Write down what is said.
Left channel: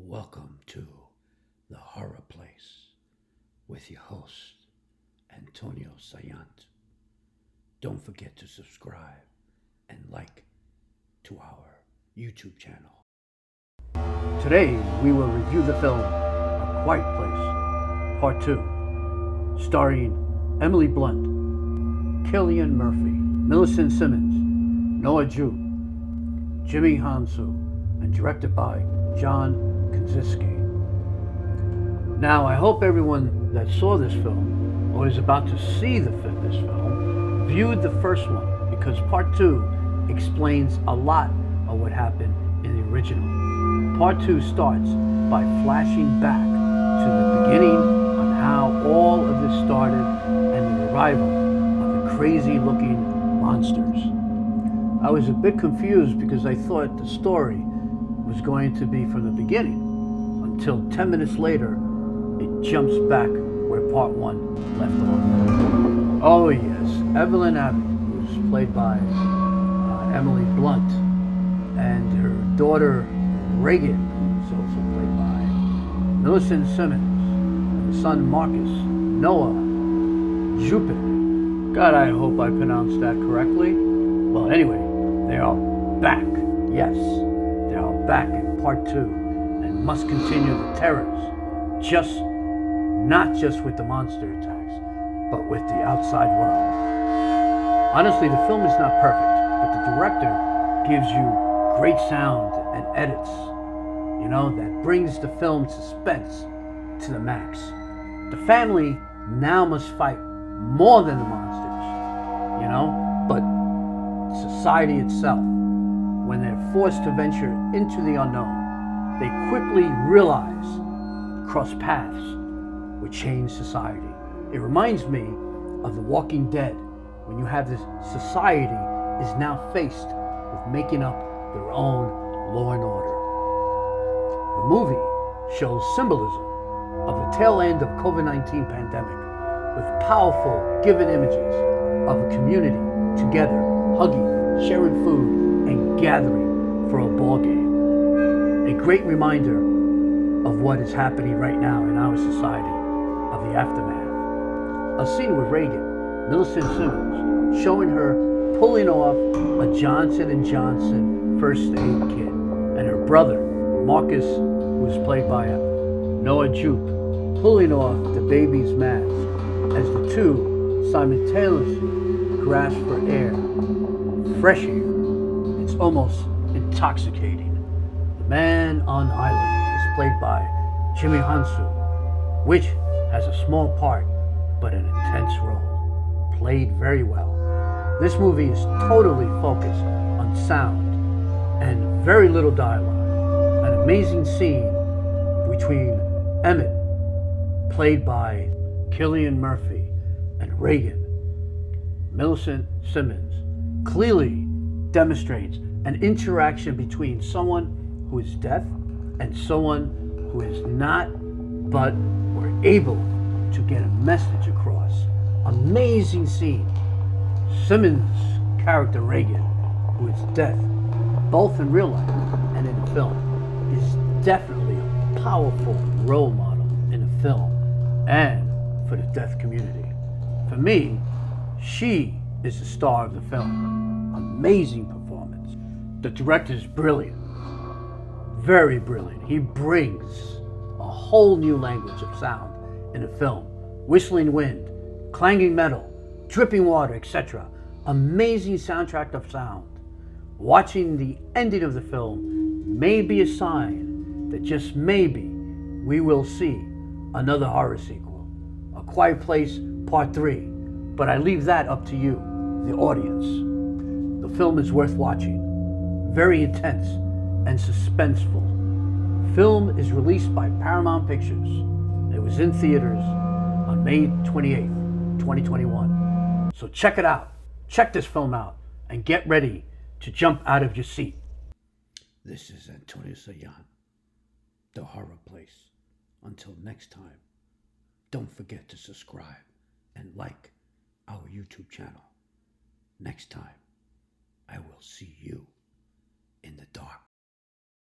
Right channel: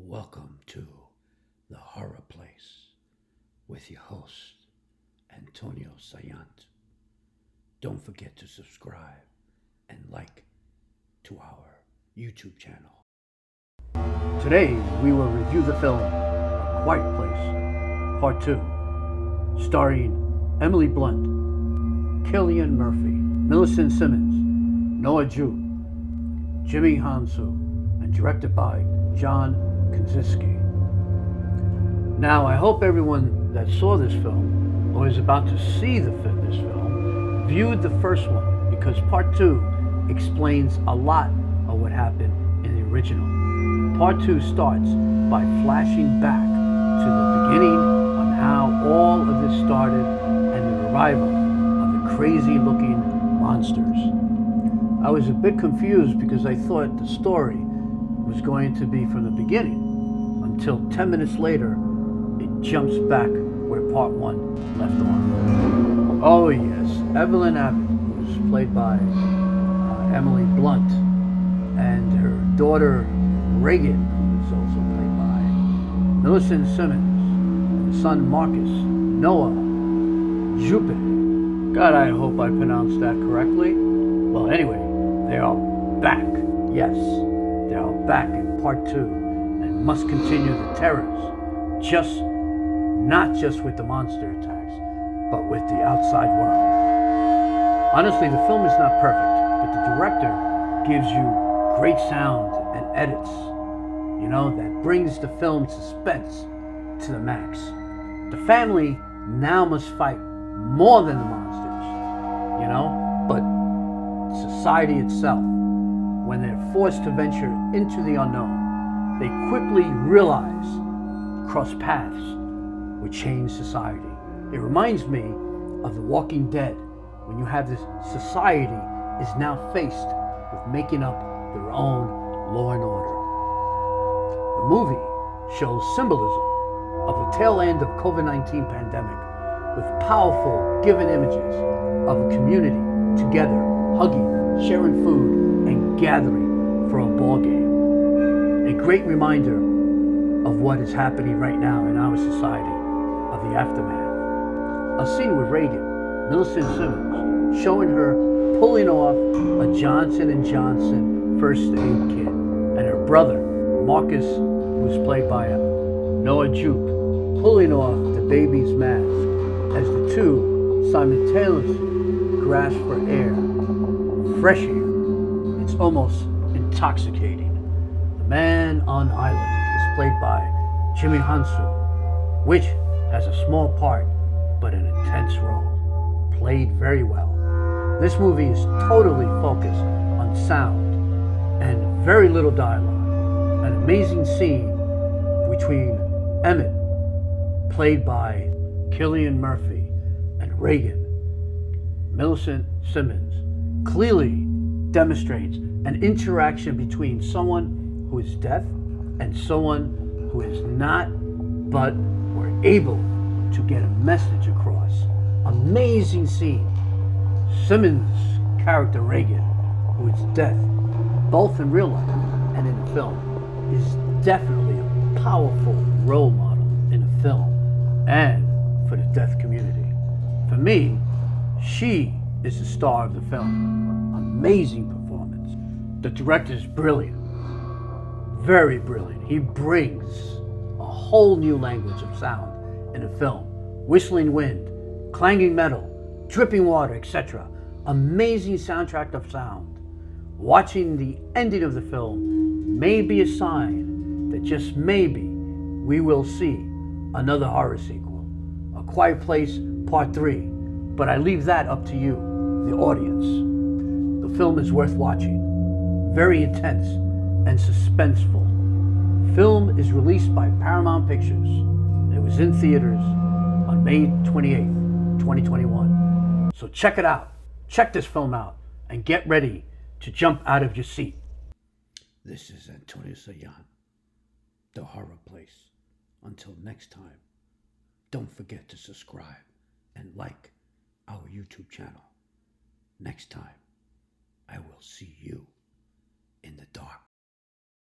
Welcome to the horror place with your host, Antonio Saillant. Don't forget to subscribe and like to our YouTube channel. Today we will review the film A Quiet Place, Part 2, starring Emily Blunt, Cillian Murphy, Millicent Simmonds, Noah Jupe, Jimmy Hounsou, and directed by Jonny Cournoyer. Now, I hope everyone that saw this film or is about to see this film viewed the first one, because Part 2 explains a lot of what happened in the original. Part 2 starts by flashing back to the beginning on how all of this started and the arrival of the crazy-looking monsters. I was a bit confused because I thought the story was going to be from the beginning, until 10 minutes later it jumps back where Part 1 left off. Oh yes, Evelyn Abbott, who's played by Emily Blunt, and her daughter Reagan, who is also played by Millicent Simmonds, and the son Marcus, Noah Jupe. God, I hope I pronounced that correctly. Well, anyway, they are back. Yes, they are back in Part 2 and must continue the terrors, not just with the monster attacks, but with the outside world. Honestly, the film is not perfect, but the director gives you great sound and edits, that brings the film suspense to the max. The family now must fight more than the monsters, but society itself. When they're forced to venture into the unknown, they quickly realize cross paths would change society. It reminds me of The Walking Dead, when you have this society is now faced with making up their own law and order. The movie shows symbolism of the tail end of COVID-19 pandemic, with powerful given images of a community together, hugging, sharing food, and gathering for a ball game. A great reminder of what is happening right now in our society, of the aftermath. A scene with Reagan, Millicent Simmonds, showing her pulling off a Johnson & Johnson first aid kit, and her brother, Marcus, who is played by Noah Jupe, pulling off the baby's mask as the two simultaneously grasp for air, fresh air. It's almost intoxicating. The man on island is played by Jimmy Hounsou, which has a small part but an intense role, played very well. This movie is totally focused on sound and very little dialogue. An amazing scene between Emmett, played by Cillian Murphy, and Reagan, Millicent Simmonds, clearly demonstrates an interaction between someone who is deaf and someone who is not, but were able to get a message across. Amazing scene. Simmonds' character Reagan, who is deaf, both in real life and in the film, is definitely a powerful role model in the film and for the deaf community. For me, she is the star of the film. Amazing performance. The director is brilliant, very brilliant. He brings a whole new language of sound in the film. Whistling wind, clanging metal, dripping water, etc. Amazing soundtrack of sound. Watching the ending of the film may be a sign that just maybe we will see another horror sequel, A Quiet Place Part 3, but I leave that up to you, the audience. The film is worth watching, very intense and suspenseful. Film is released by Paramount Pictures. It was in theaters on May 28th, 2021. So check it out, check this film out, and get ready to jump out of your seat. This is Antonio Saillant, the horror place. Until next time, don't forget to subscribe and like our YouTube channel. Next time, I will see you in the dark.